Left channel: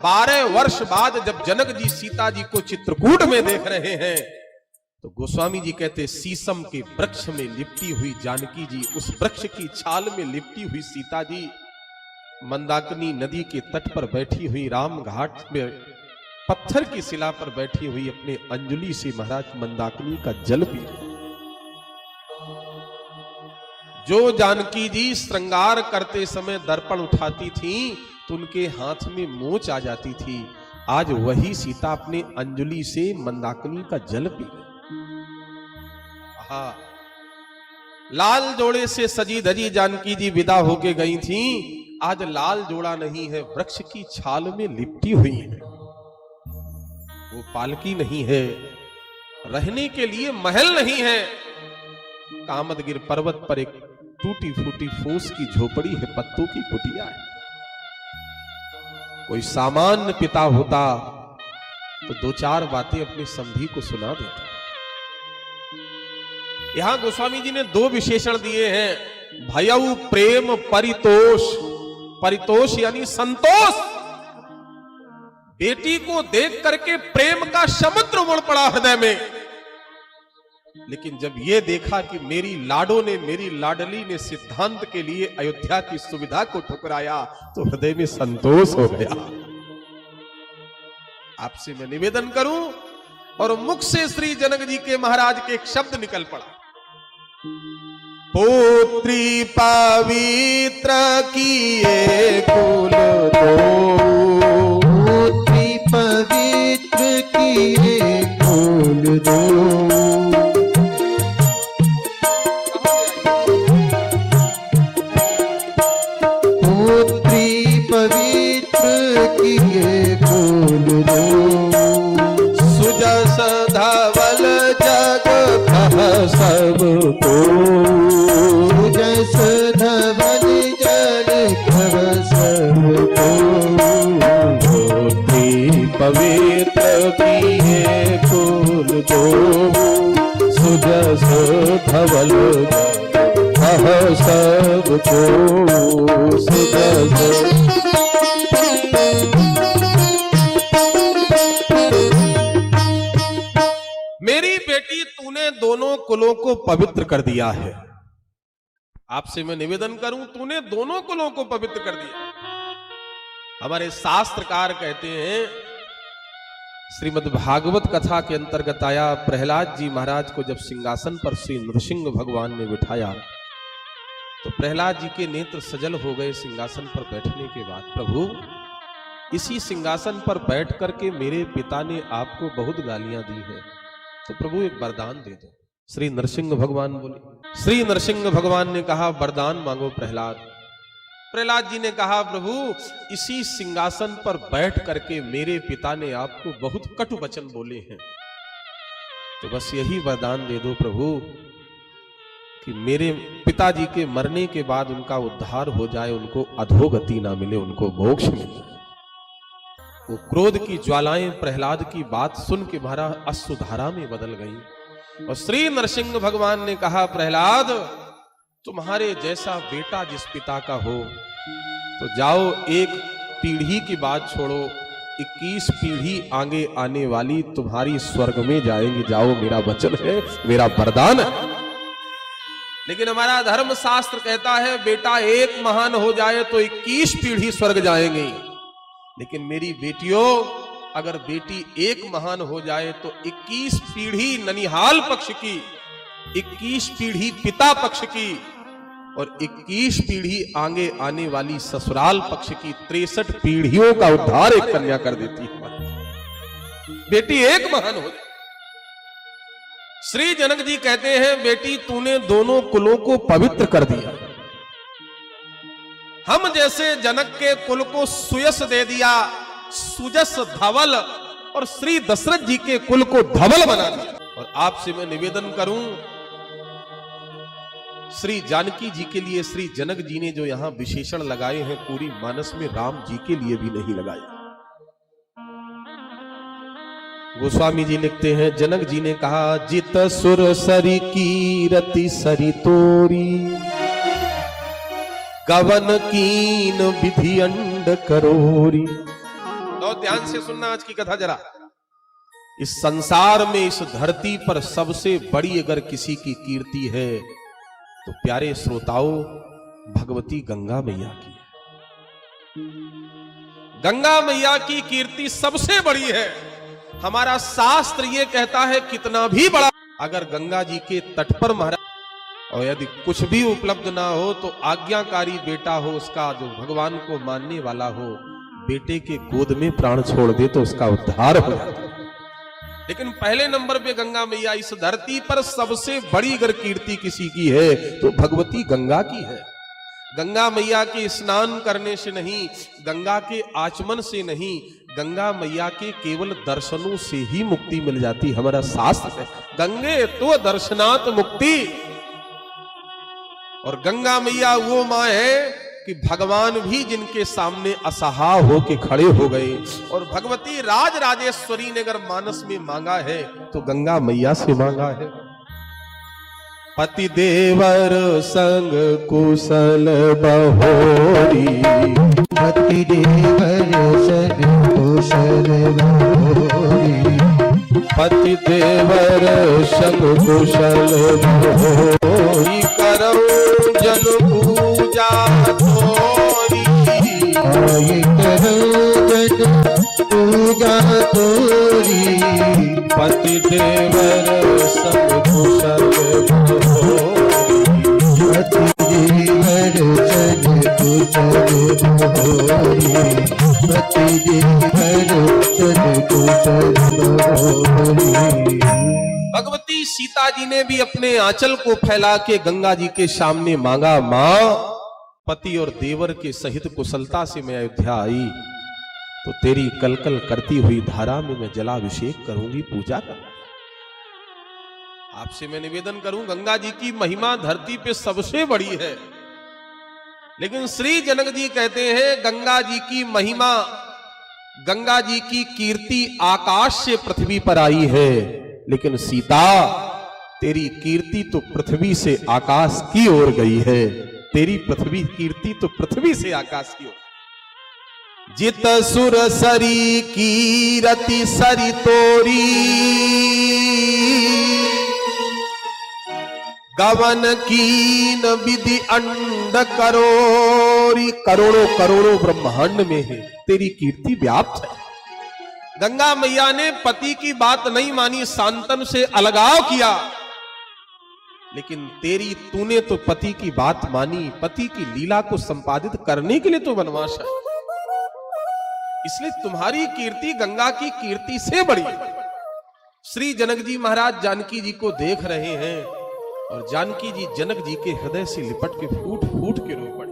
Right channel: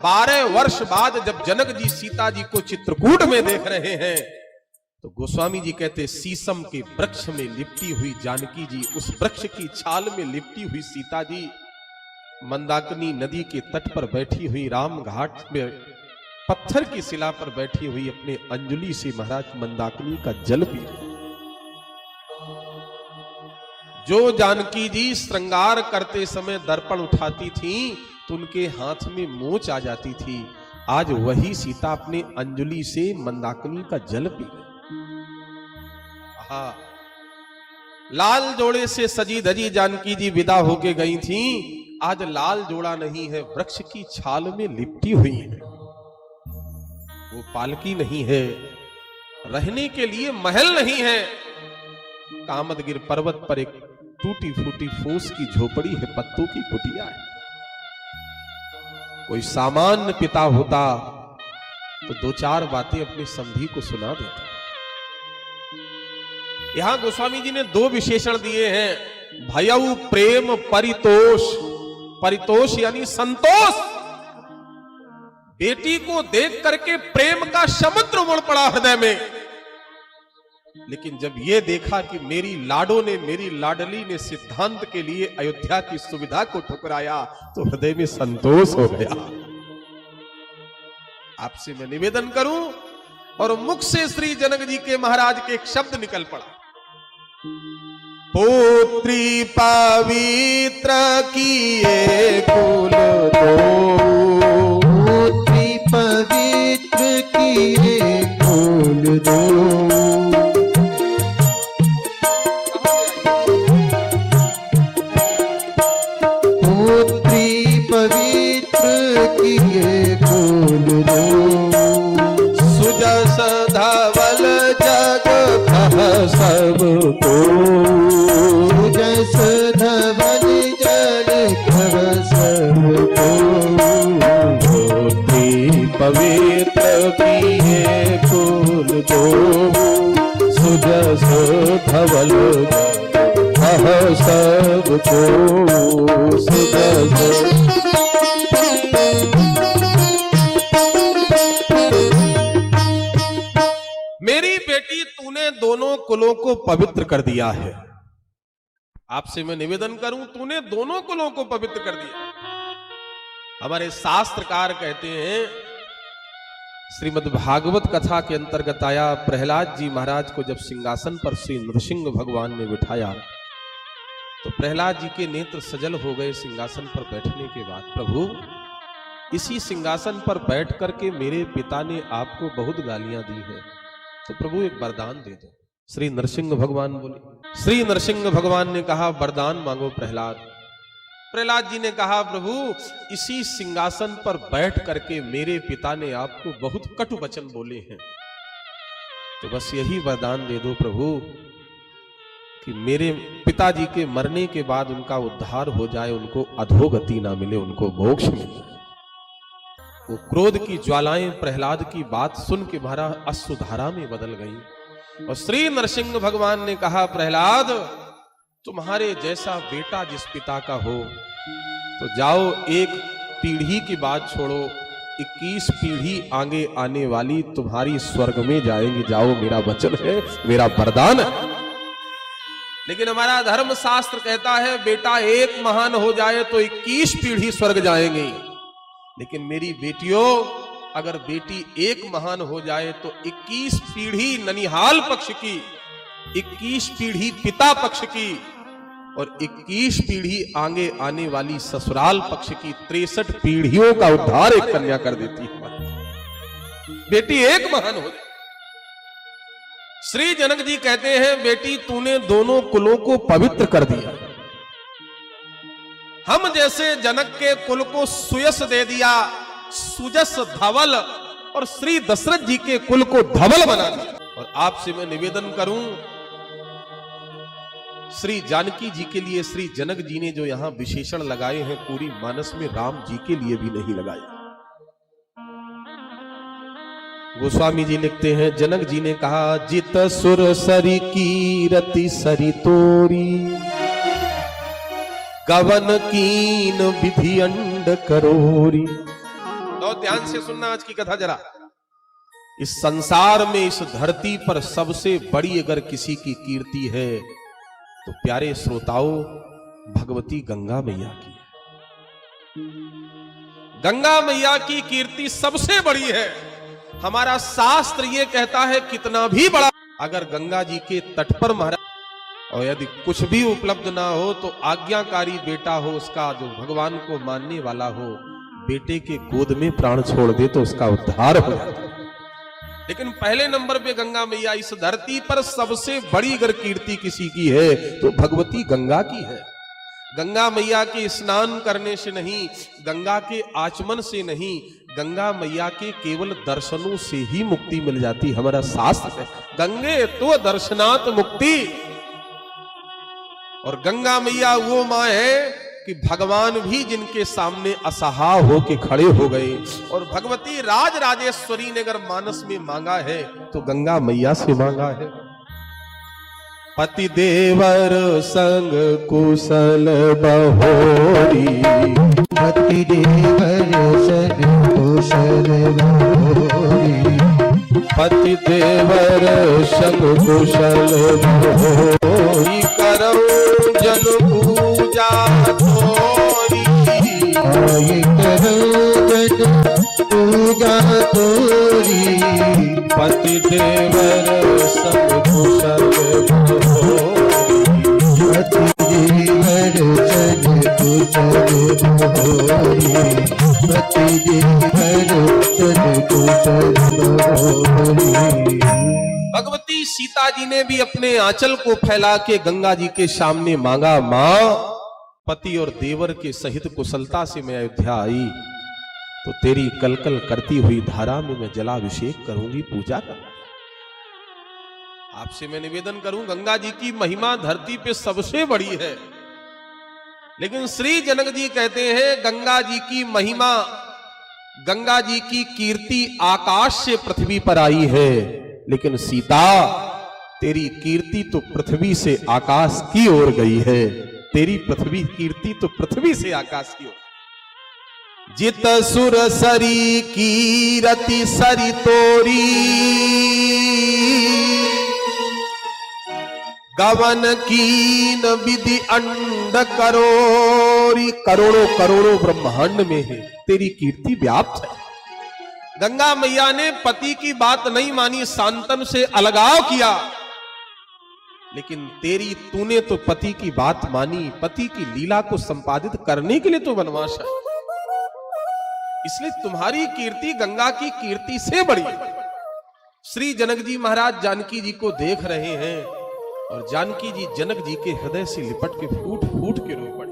12 वर्ष बाद जब जनक जी सीता जी को चित्रकूट में देख रहे हैं तो गोस्वामी जी कहते शीशम के वृक्ष में लिपटी हुई जानकी जी, उस वृक्ष की छाल में लिपटी हुई सीता जी मंदाकिनी नदी के तट पर बैठी हुई, राम घाट में पत्थर की शिला पर बैठी हुई अपने अंजलि से महाराज मंदाकिनी का जल पी रही। जो जानकी जी श्रृंगार करते समय दर्पण उठाती थी तो उनके हाथ में मोच आ जाती थी, आज वही सीता अपने अंजलि से मंदाकिनी का जल पी गई। लाल जोड़े से सजी धजी जानकी जी विदा होके गई थी, आज लाल जोड़ा नहीं है, वृक्ष की छाल में लिपटी हुई है। वो पालकी नहीं है, रहने के लिए महल नहीं है, कामदगिर पर्वत पर एक टूटी फूटी फूस की झोपड़ी है, पत्तों की कुटिया है। कोई सामान्य पिता होता तो 2-4 बातें अपने समधी को सुना देता। यहां गोस्वामी जी ने 2 विशेषण दिए हैं, भयउ प्रेम परितोष। परितोष यानी संतोष। बेटी को देख करके प्रेम का समुद्र उमड़ पड़ा हृदय में, लेकिन जब ये देखा कि मेरी लाडो ने, मेरी लाडली ने सिद्धांत के लिए अयोध्या की सुविधा को ठुकराया तो हृदय में संतोष हो गया। आपसे मैं निवेदन करूं और मुख से श्री जनक जी के महाराज के एक शब्द निकल पड़ा, पुत्री पवित्र किए फूल दो, पुत्री पवित्र किए फूल दो। सबको जस धवल जल कर सबको, धोती पवित्र किए फूल दो, सुजस धवल कह सबको, सुजस। मेरी बेटी तूने दोनों कुलों को पवित्र कर दिया है। आपसे मैं निवेदन करूं, तूने दोनों कुलों को पवित्र कर दिया। हमारे शास्त्रकार कहते हैं, श्रीमद् भागवत कथा के अंतर्गत आया, प्रहलाद जी महाराज को जब सिंहासन पर श्री नृसिंह भगवान ने बिठाया तो प्रहलाद जी के नेत्र सजल हो गए। सिंहासन पर बैठने के बाद, प्रभु इसी सिंहासन पर बैठ करके मेरे पिता ने आपको बहुत गालियां दी है, तो प्रभु एक वरदान दे दो। श्री नरसिंह भगवान बोले, श्री नरसिंह भगवान ने कहा वरदान मांगो प्रहलाद। प्रहलाद जी ने कहा प्रभु इसी सिंहासन पर बैठ करके मेरे पिता ने आपको बहुत कटु वचन बोले हैं, तो बस यही वरदान दे दो प्रभु कि मेरे पिताजी के मरने के बाद उनका उद्धार हो जाए, उनको अधोगति ना मिले, उनको मोक्ष मिले। वो क्रोध की ज्वालाएं प्रहलाद की बात सुन के महाराज अश्रुधारा में बदल गई और श्री नरसिंह भगवान ने कहा प्रहलाद तुम्हारे जैसा बेटा जिस पिता का हो तो जाओ, एक पीढ़ी की बात छोड़ो, 21 पीढ़ी आगे आने वाली तुम्हारी स्वर्ग में जाएंगी। जाओ, मेरा वचन है, मेरा वरदान है। लेकिन हमारा धर्म शास्त्र कहता है बेटा एक महान हो जाए तो 21 पीढ़ी स्वर्ग जाएंगी, लेकिन मेरी बेटियों अगर बेटी एक महान हो जाए तो 21 पीढ़ी ननिहाल पक्ष की, 21 पीढ़ी पिता पक्ष की और 21 पीढ़ी आगे आने वाली ससुराल पक्ष की 63 पीढ़ियों का उद्धार एक कन्या कर देती है। बेटी एक महान हो जाए। श्री जनक जी कहते हैं बेटी तूने दोनों कुलों को पवित्र कर दिया। हम जैसे जनक के कुल को सुयस दे दिया, सुजस धवल, और श्री दशरथ जी के कुल को धवल बना दिया। और आपसे मैं निवेदन करूं, श्री जानकी जी के लिए श्री जनक जी ने जो यहां विशेषण लगाए हैं पूरी मानस में राम जी के लिए भी नहीं लगाए। गोस्वामी जी लिखते हैं जनक जी ने कहा जित सुर सरी कीरति सरी तोरी, गवन कीन विधि अंड करोरी। तो ध्यान से सुनना आज की कथा जरा। इस संसार में, इस धरती पर सबसे बड़ी अगर किसी की कीर्ति है तो प्यारे श्रोताओं, भगवती गंगा मैया की है। गंगा मैया की कीर्ति सबसे बड़ी है। हमारा शास्त्र ये कहता है कितना भी बड़ा अगर गंगा जी के तट पर महाराज, और यदि कुछ भी उपलब्ध ना हो तो आज्ञाकारी बेटा हो उसका, जो भगवान को मानने वाला हो, बेटे के गोद में प्राण छोड़ दे तो उसका उद्धार हो जाता है। लेकिन पहले नंबर पे गंगा मैया। इस धरती पर सबसे बड़ी अगर कीर्ति किसी की है तो भगवती गंगा की है। गंगा मैया के स्नान करने से नहीं, गंगा के आचमन से नहीं, गंगा मैया के केवल दर्शनों से ही मुक्ति मिल जाती। हमारा शास्त्र है गंगे तो दर्शनात् मुक्ति। और गंगा मैया वो माँ है कि भगवान भी जिनके सामने असहाय होके खड़े हो गए। और भगवती राज राजेश्वरी ने अगर मानस में मांगा है तो गंगा मैया से मांगा है। पति देवर संग कुशल बहोरी, पति देवर संग कुशल बहोरी, पति देवर संग कुशल बहोरी, करो पूजा तोरी, पति देवर सब कुशल बहोरी, पति देवर सब कुशल बहोरी, पति देवर सब कुशल बहोरी। भगवती सीता जी ने भी अपने आंचल को फैला के गंगा जी के सामने मांगा, मां पति और देवर के सहित कुशलता से मैं अयोध्या आई तो तेरी कलकल करती हुई धारा में मैं जलाभिषेक करूंगी, पूजा करूंगी। आपसे मैं निवेदन करूं, गंगा जी की महिमा धरती पे सबसे बड़ी है। लेकिन श्री जनक जी कहते हैं गंगा जी की महिमा, गंगा जी की कीर्ति आकाश से पृथ्वी पर आई है। लेकिन सीता, तेरी कीर्ति तो पृथ्वी से आकाश की ओर गई है। तेरी पृथ्वी कीर्ति तो पृथ्वी से आकाश की ओर। जित सुर सरी कीरति सरी तोरी, गवन कीन विधि अंड करोरी। करोड़ों करोड़ों ब्रह्मांड में है तेरी कीर्ति व्याप्त है। गंगा मैया ने पति की बात नहीं मानी, शांतन से अलगाव किया। लेकिन तूने तो पति की बात मानी, पति की लीला को संपादित करने के लिए तो वनवास है। इसलिए तुम्हारी कीर्ति गंगा की कीर्ति से बड़ी है। श्री जनक जी महाराज जानकी जी को देख रहे हैं और जानकी जी जनक जी के हृदय से लिपट के फूट फूट के रो पड़े।